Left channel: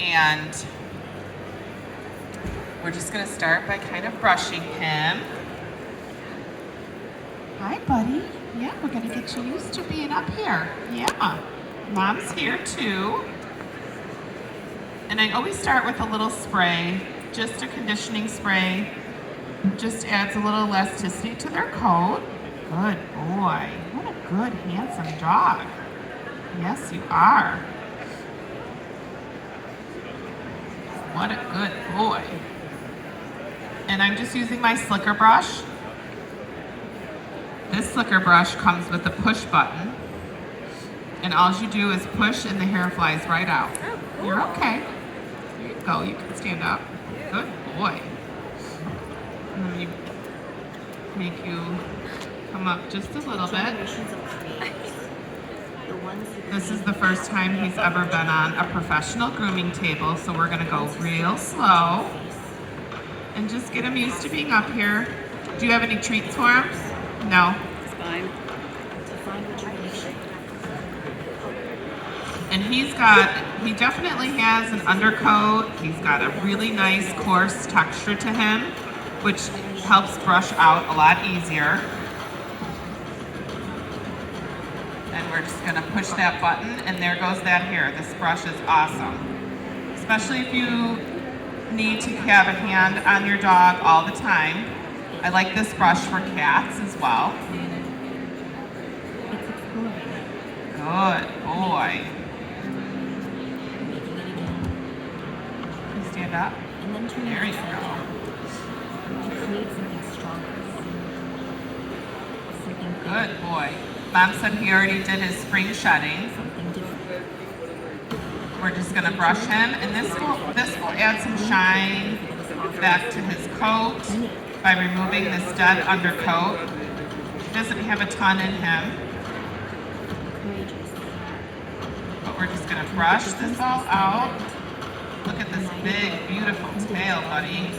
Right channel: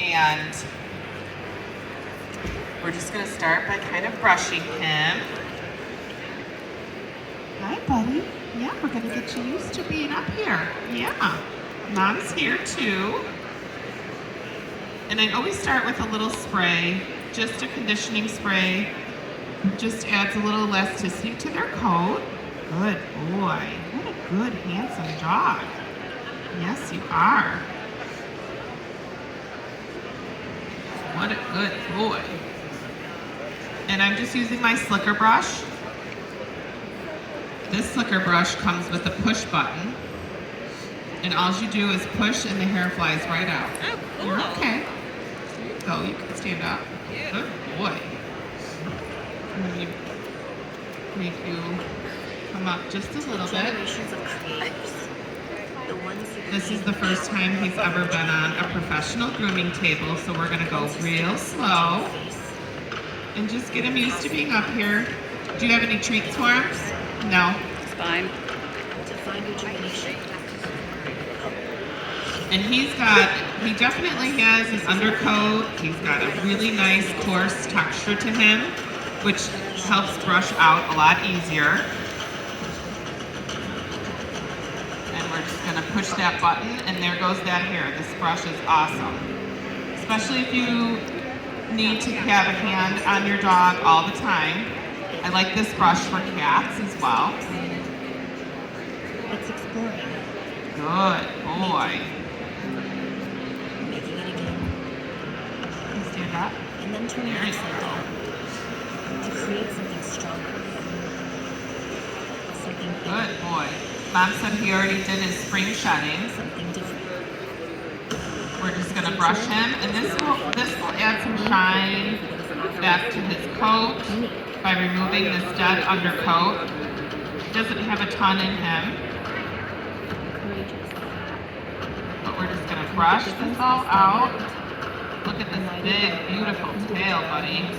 And we're just gonna start by kind of brushing him. Hi, buddy. Yeah, we're gonna get you used to being up here. Yeah, Mom's here too. And I always start with a little spray, just a conditioning spray. Just adds a little elasticity to their coat. Good boy. What a good, handsome dog. Yes, you are. What a good boy. And I'm just using my slicker brush. This slicker brush comes with a push button. And all you do is push and the hair flies right out. Oh, cool. You're okay. There you go, you can stand up. Good boy. Let me make you come up just a little bit. This is the first time he's ever been on a professional grooming table, so we're gonna go real slow and just get him used to being up here. Do you have any treats for him? No? It's fine. And he definitely has an undercoat. He's got a really nice coarse texture to him, which helps brush out a lot easier. And we're just gonna push that button and there goes that hair. This brush is awesome. Especially if you need to have a hand on your dog all the time. I like this brush for cats as well. Good boy. Stand up. There you go. Good boy. Mom said he already did his spring shedding. We're just gonna brush him, and this will add some shine back to his coat by removing this dead undercoat. He doesn't have a ton in him. But we're just gonna brush this all out. Look at this big, beautiful tail, buddy.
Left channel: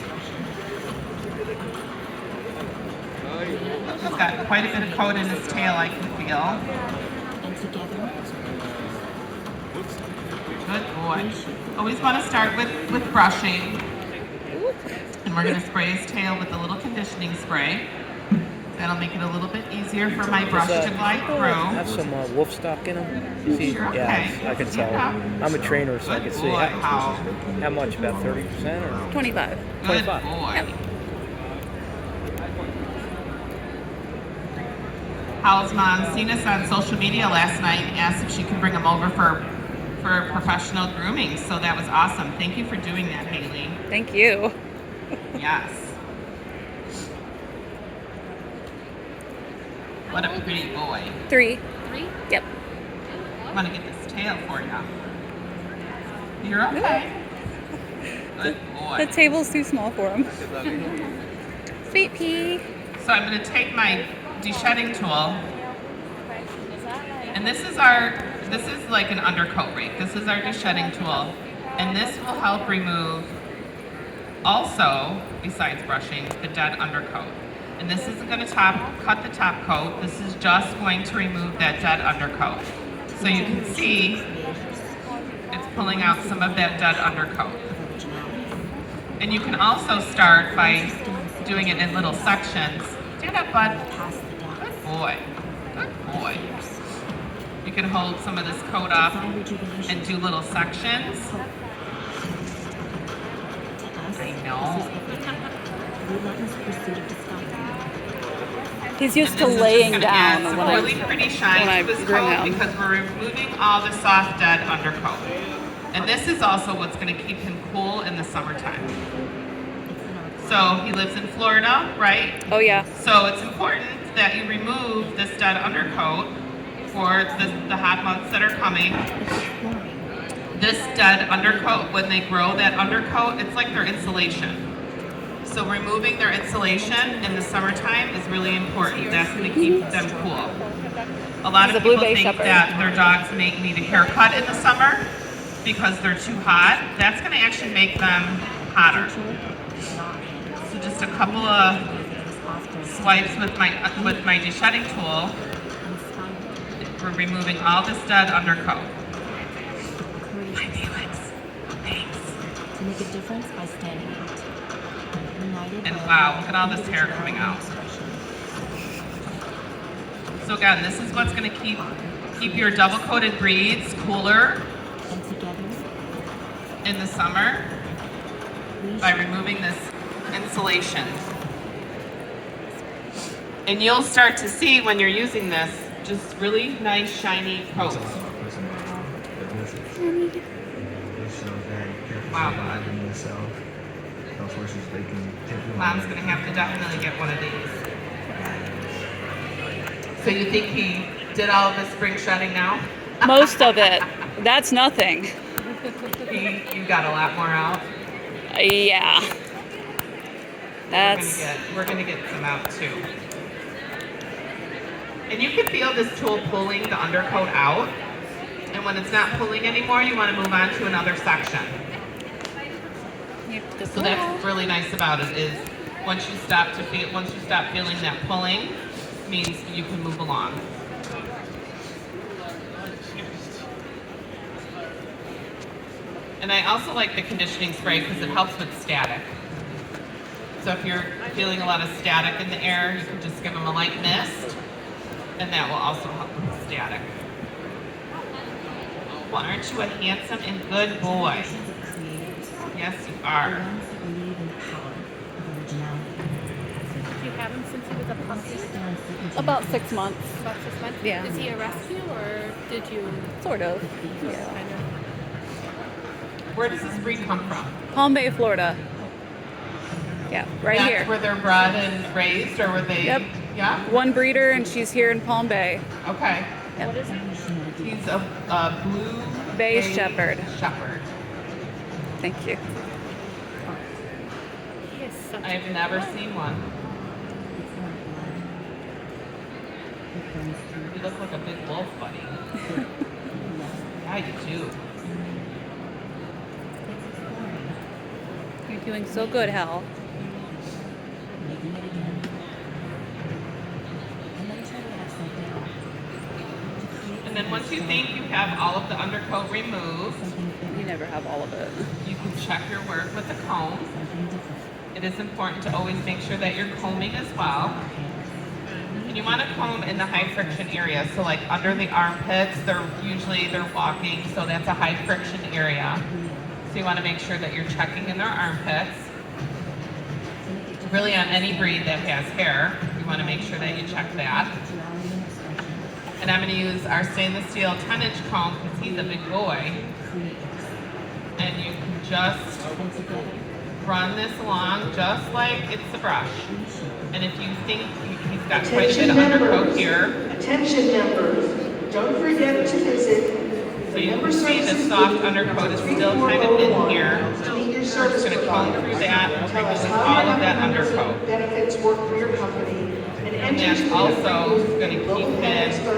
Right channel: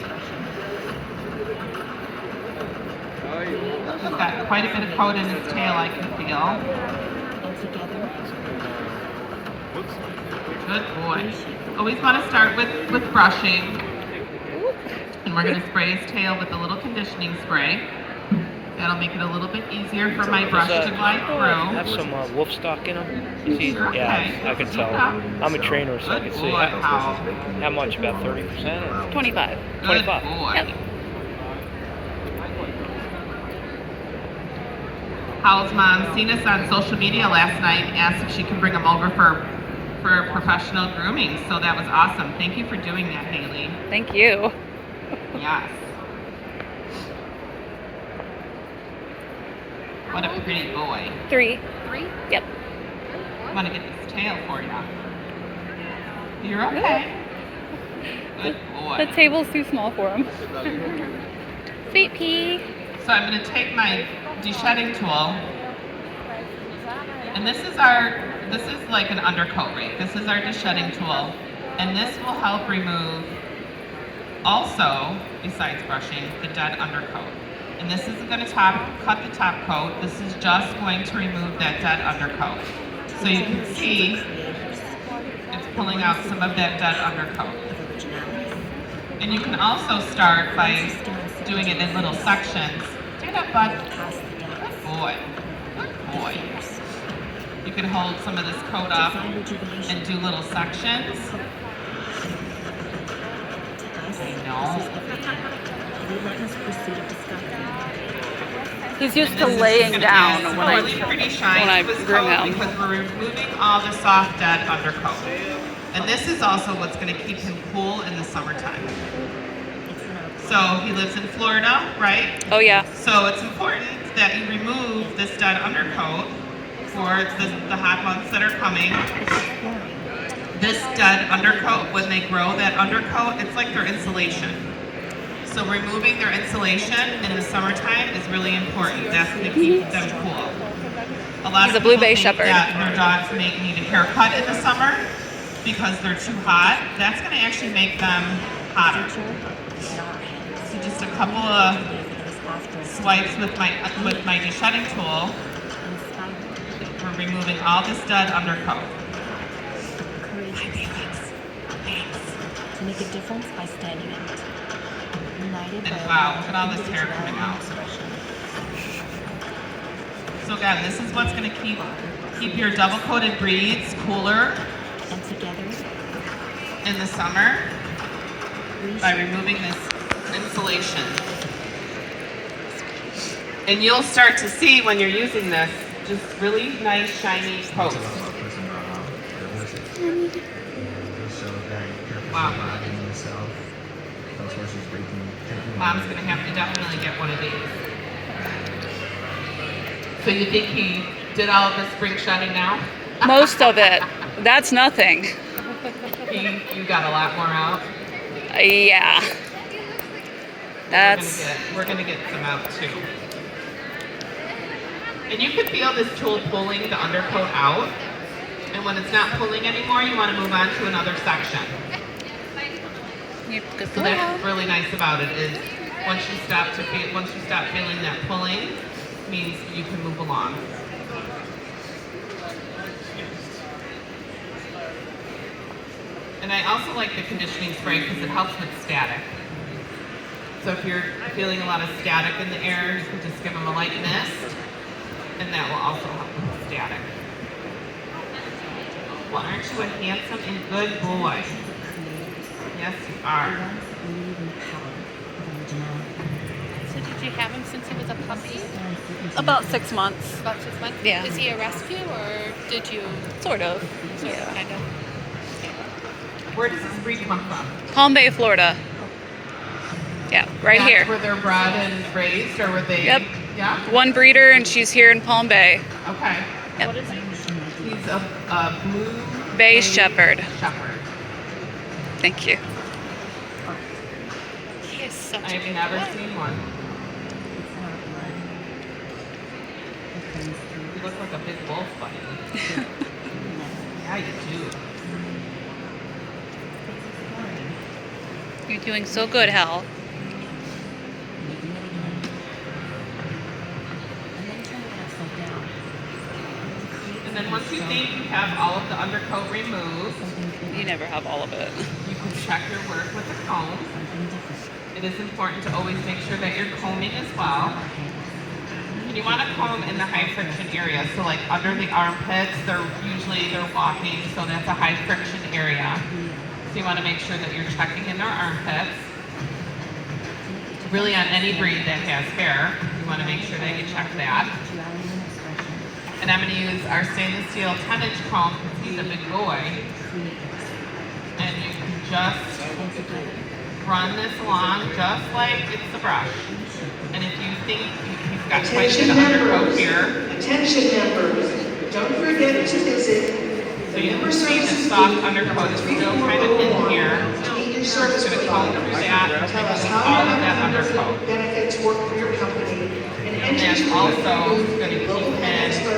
He's got quite a bit of coat in his tail, I can feel. Good boy. Always want to start with brushing. And we're going to spray his tail with a little conditioning spray. That'll make it a little bit easier for my brush to glide through. Have some wolf stock in them. You see? Sure, Yeah, okay. I can tell. I'm a trainer, so I can see how much, about 30% or 25. Good 25. boy. Yep. Howell's mom seen us on social media last night and asked if she could bring him over for professional grooming. So that was awesome. Thank you for doing that, Haley. Thank you. Yes. What a pretty boy. 3. Yep. I'm gonna get this tail for you. You're okay. Good boy. The table's too small for him. Sweet pea. So I'm gonna take my de-shedding tool, and this is like an undercoat rake. This is our de-shedding tool, and this will help remove, also, besides brushing, the dead undercoat. And this isn't going to cut the top coat. This is just going to remove that dead undercoat. So you can see it's pulling out some of that dead undercoat. And you can also start by doing it in little sections. Stand up, bud. Good boy. Good boy. You can hold some of this coat up and do little sections. I know. He's used to laying down when I really pretty shine when I to his groom coat him. because we're removing all the soft dead undercoat. And this is also what's going to keep him cool in the summertime. So he lives in Florida, right? Oh yeah. So it's important that you remove this dead undercoat for the hot months that are coming. This dead undercoat, when they grow that undercoat, it's like their insulation. So removing their insulation in the summertime is really important. That's going to keep them cool. A lot He's of a Blue people Bay think Shepherd. that their dogs may need a haircut in the summer because they're too hot. That's going to actually make them hotter. So just a couple of swipes with my de-shedding tool. We're removing all this dead undercoat. Hi, Felix. Thanks. to make a difference by standing out. United And by wow, look at all this hair coming out. So again, this is what's going to keep your double-coated breeds cooler and together in the summer by removing this insulation. And you'll start to see when you're using this, just really nice shiny coats. Wow, bud. Mom's gonna have to definitely get one of these. So you think he did all of the spring shedding now? Most of it. That's nothing. You got a lot more out. Yeah. That's. We're gonna get some out too. And you can feel this tool pulling the undercoat out. And when it's not pulling anymore, you want to move on to another section. Yep, good So that's really nice about it is once you stop feeling that pulling, means you can move along. And I also like the conditioning spray because it helps with static. So if you're feeling a lot of static in the air, you can just give them a light mist, and that will also help with static. Well, aren't you a handsome and good boy? Yes, you are. So did you have him since he was a puppy? About 6 months. About 6 months? Yeah. Is he a rescue or did you Sort of. sort Yeah. of kind of? Where does this breed come from? Palm Bay, Florida. Yeah, right That's here. where they're bred and raised, or were they? Yep. Yeah. One breeder, and she's here in Palm Bay. Okay. Yep. What is it? He's a blue Bay Shepherd. Shepherd. Thank you. He is such a I've good never boy. seen one. You look like a big wolf, buddy. Yeah, you do. You're doing so good, Hal. And then once you think you have all of the undercoat removed, You never have all of it. you can check your work with the comb. It is important to always make sure that you're combing as well. And you want to comb in the high friction area. So like under the armpits, they're walking, so that's a high friction area. So you want to make sure that you're checking in their armpits. Really on any breed that has hair, you want to make sure that you check that. And I'm going to use our stainless steel 10-inch comb because he's a big boy. And you can just run this along just like it's a brush. And if you think he's got quite a bit of undercoat here, Attention members, don't forget to visit so the you member can see the services soft booth undercoat is number still kind of in 3401 here. to meet your We're service just going to comb provider. through that and Tell us remove how all your of that members undercoat. benefits work for your company and enter that's to the also free gonna booth keep at Global him Pet Expo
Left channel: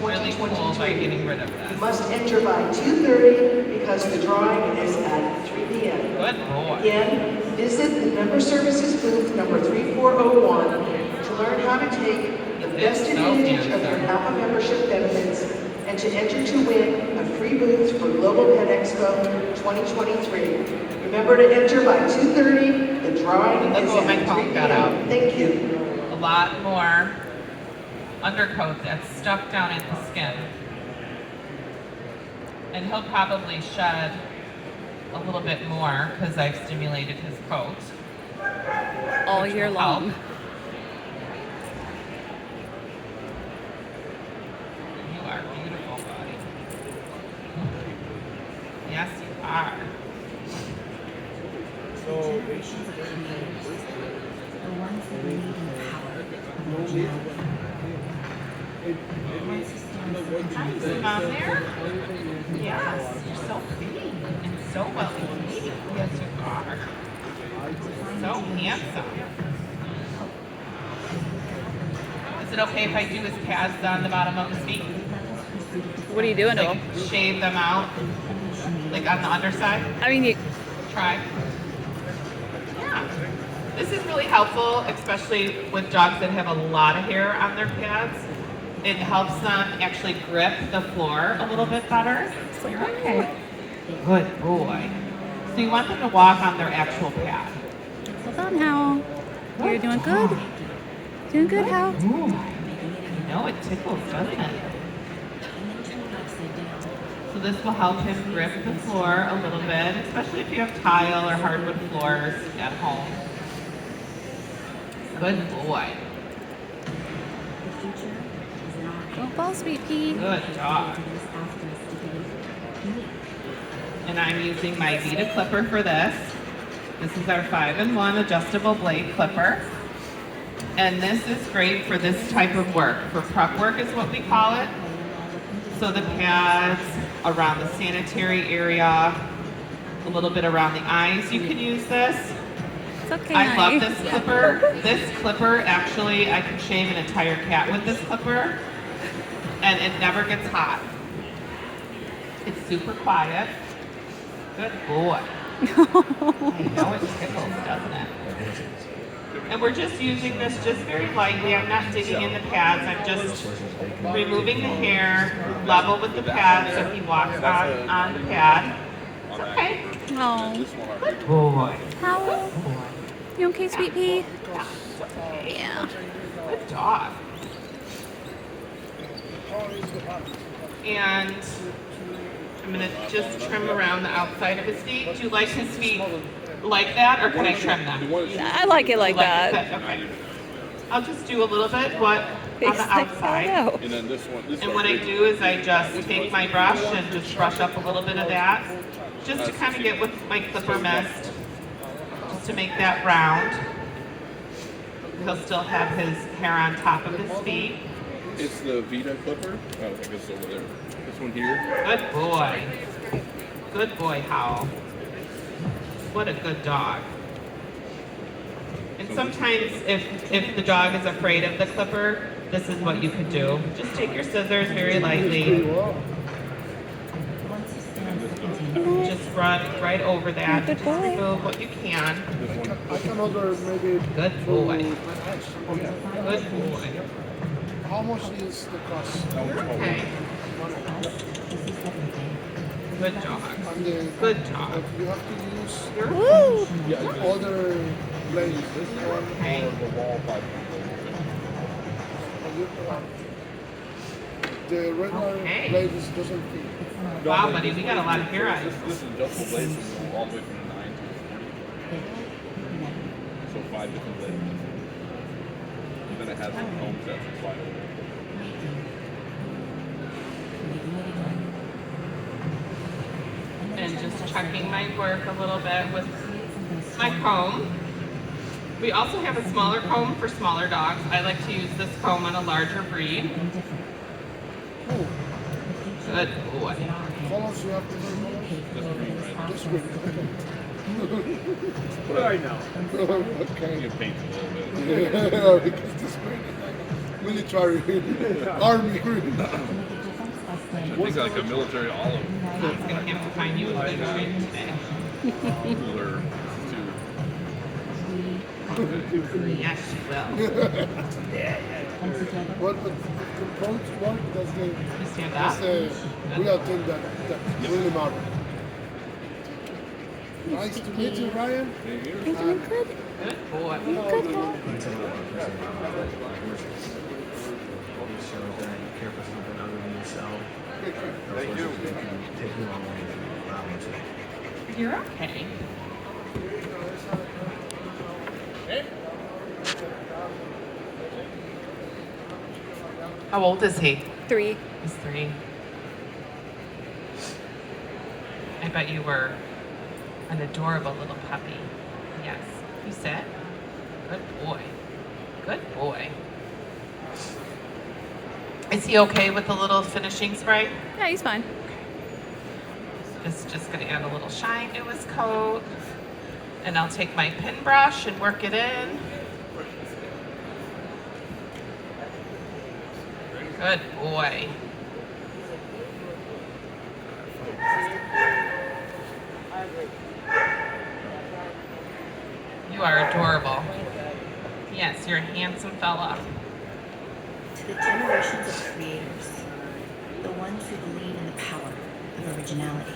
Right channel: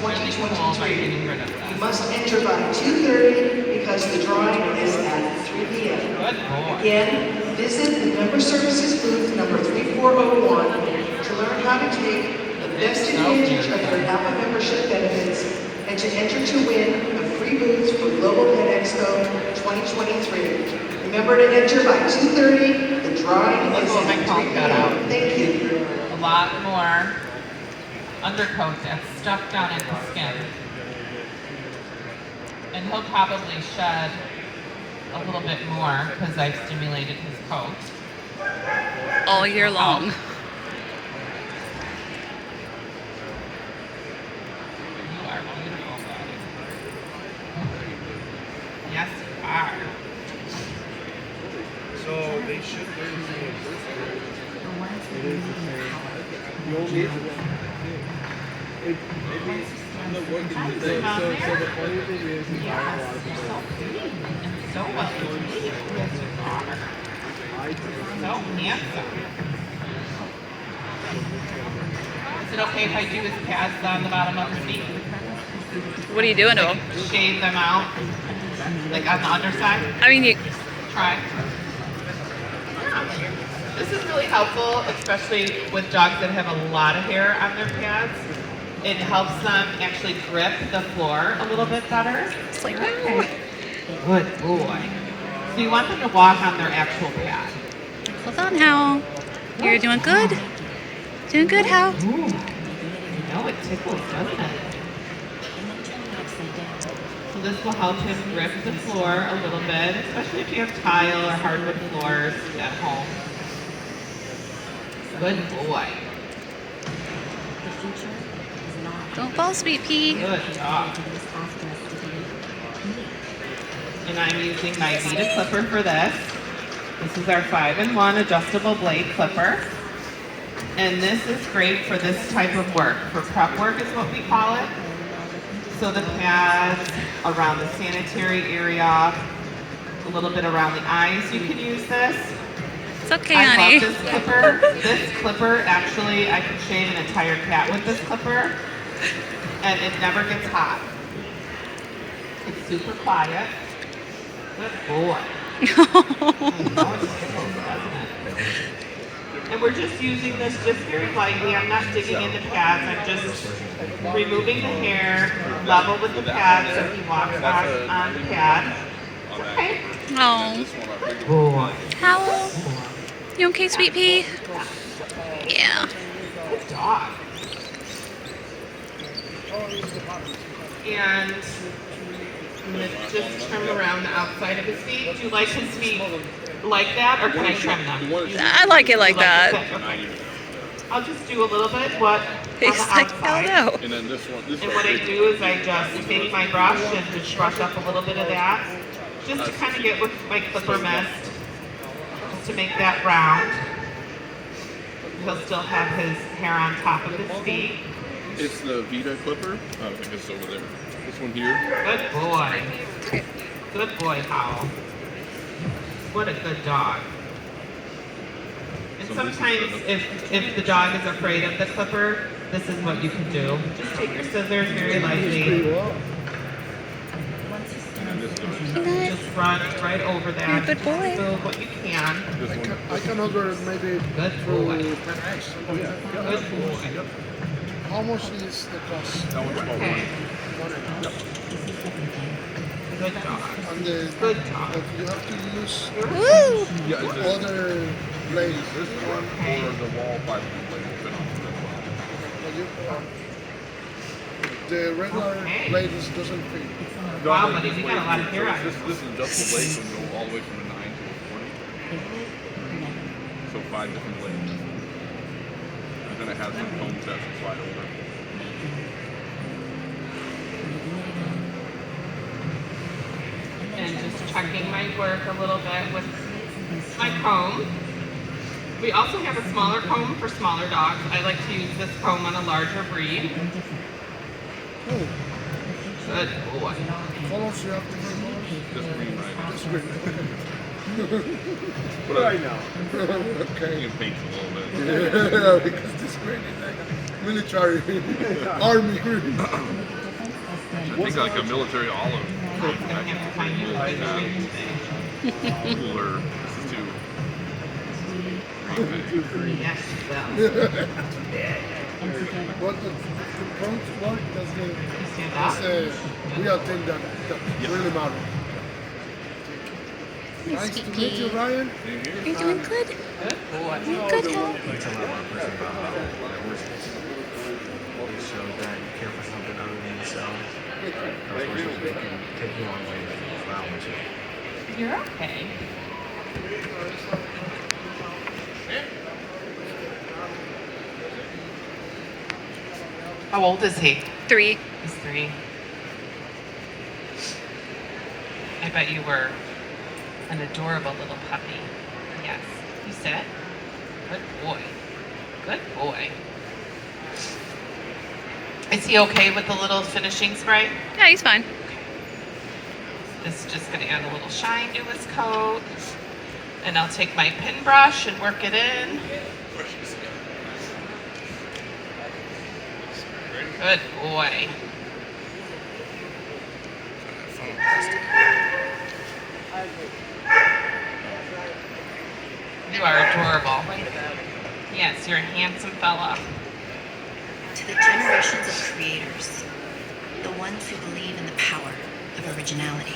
really cool by 2023. getting rid of You that. must enter by 2:30 because the drawing is at 3 p.m. Good boy. Again, visit the member services booth number 3401 to learn how to take the best So advantage of beautiful. your HAPA membership benefits and to enter to win a free booth for Global Pet Expo 2023. Remember to enter by 2:30. The drawing Look is what my at comb 3 got p.m. out. Thank you. A lot more undercoat that's stuck down in the skin. And he'll probably shed a little bit more because I've stimulated his coat. All year long. You are beautiful, buddy. Yes, you are. So they should do Yes, you're so pretty and so well behaved. Yes, you are. So handsome. Is it okay if I do his pads on the bottom of his feet? What are you doing to Like, him? shave them out, like on the underside? I mean, you, Try. Yeah. This is really helpful, especially with dogs that have a lot of hair on their pads. It helps them actually grip the floor a little bit better. it's like, Good boy. So you want them to walk on their actual pad. Hold on, Hal. You're doing good. Doing good, Hal. Ooh. You know it tickles, doesn't it? So this will help him grip the floor a little bit, especially if you have tile or hardwood floors at home. Good boy. Don't fall, sweet pea. Good job. And I'm using my Vita clipper for this. This is our 5-in-1 adjustable blade clipper. And this is great for this type of work. For prep work is what we call it. So the pads around the sanitary area, a little bit around the eyes, you can use this. It's okay, I honey. love this clipper. This clipper, actually, I can shave an entire cat with this clipper. And it never gets hot. It's super quiet. Good boy. I know it tickles, doesn't it? And we're just using this just very lightly. I'm not digging in the pads. I'm just removing the hair, level with the pad so he walks on the pad. Okay. Oh, Good boy. Hal. You okay, sweet pea? Yeah. Good dog. And I'm going to just trim around the outside of his feet. Do you like his feet like that, or can I trim them? I like it like You like that. it? Okay. I'll just do a little bit, but on He's the like, outside. no. And then this one. And what I do is I just take my brush and just brush up a little bit of that, just to kind of get with my clipper mist, just to make that round. He'll still have his hair on top of his feet. It's the Vita clipper. I think it's over there. This one here. Good boy. Good boy, Howell. What a good dog. And sometimes if the dog is afraid of the clipper, this is what you can do. Just take your scissors very lightly. Just run right over that. You're a good Just boy. do what you can. I can order maybe Good boy. through Good boy. How much is the cost? Okay. Good job. And the, Good job. you have to use Woo! other blades. This one Okay. Or the wall pipe. or you, the regular Okay. blades doesn't fit. Wow, buddy, you got a lot of hair on you. This is adjustable blade from all the way from the 9 to the 20. So 5 different blades. And then it has some home sets and slide over. And just checking my work a little bit with my comb. We also have a smaller comb for smaller dogs. I like to use this comb on a larger breed. Oh, Good boy. colors you have to use. This green. Right now. Okay. You can paint it a little bit. Yeah, because this green is like military, army green. I think like a military olive. I'm gonna have to find you a good treat today. Cooler. Yes, you will. What the front one? That's the Stand that's up. the real thing that really matters. Nice to meet you, Ryan. You're doing good. Good boy. You're good, Hal. You're okay. How old is he? 3. He's 3. I bet you were an adorable little puppy. Yes. You sit. Good boy. Good boy. Is he okay with the little finishing spray? Yeah, he's fine. This is just going to add a little shine to his coat. And I'll take my pin brush and work it in. Good boy. You are adorable. Yes, you're a handsome fella. To the generations of creators, the ones who believe in the power of originality,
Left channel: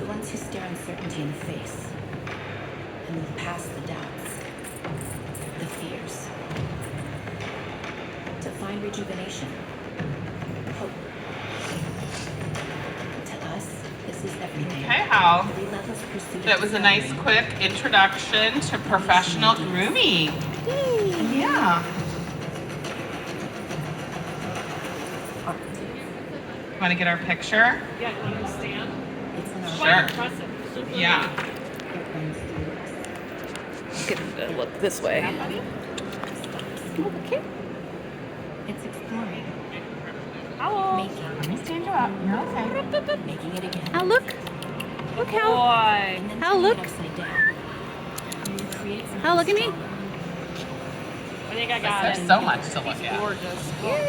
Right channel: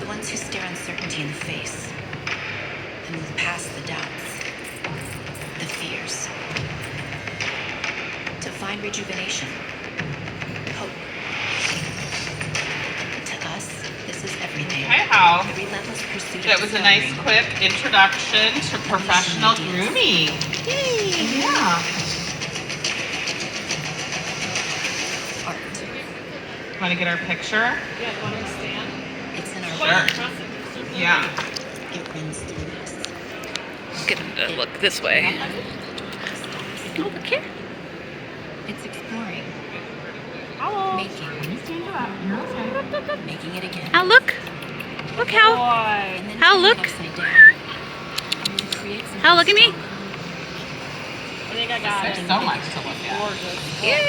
the ones ones who stare uncertainty in the face and move past the doubts, the fears, to find rejuvenation, hope. To us, this is everything. Okay, Hal. The relentless pursuit of That was a nice, discovery. quick introduction to professional grooming. Yay! Yeah. Art. Want to get our picture? Yeah, you want to stand? It's in our Sure. blood. Yeah. It runs through us. Get him to look this way. Oh, look here. It's exploring, Hello. making, Stand you up. You're okay. making it again. Hal, look. Look, Hal. Boy. And then Hal, turning it look. upside down. And it creates Hal, look at me. I think I got There's it. so much to look at. Gorgeous. Yay.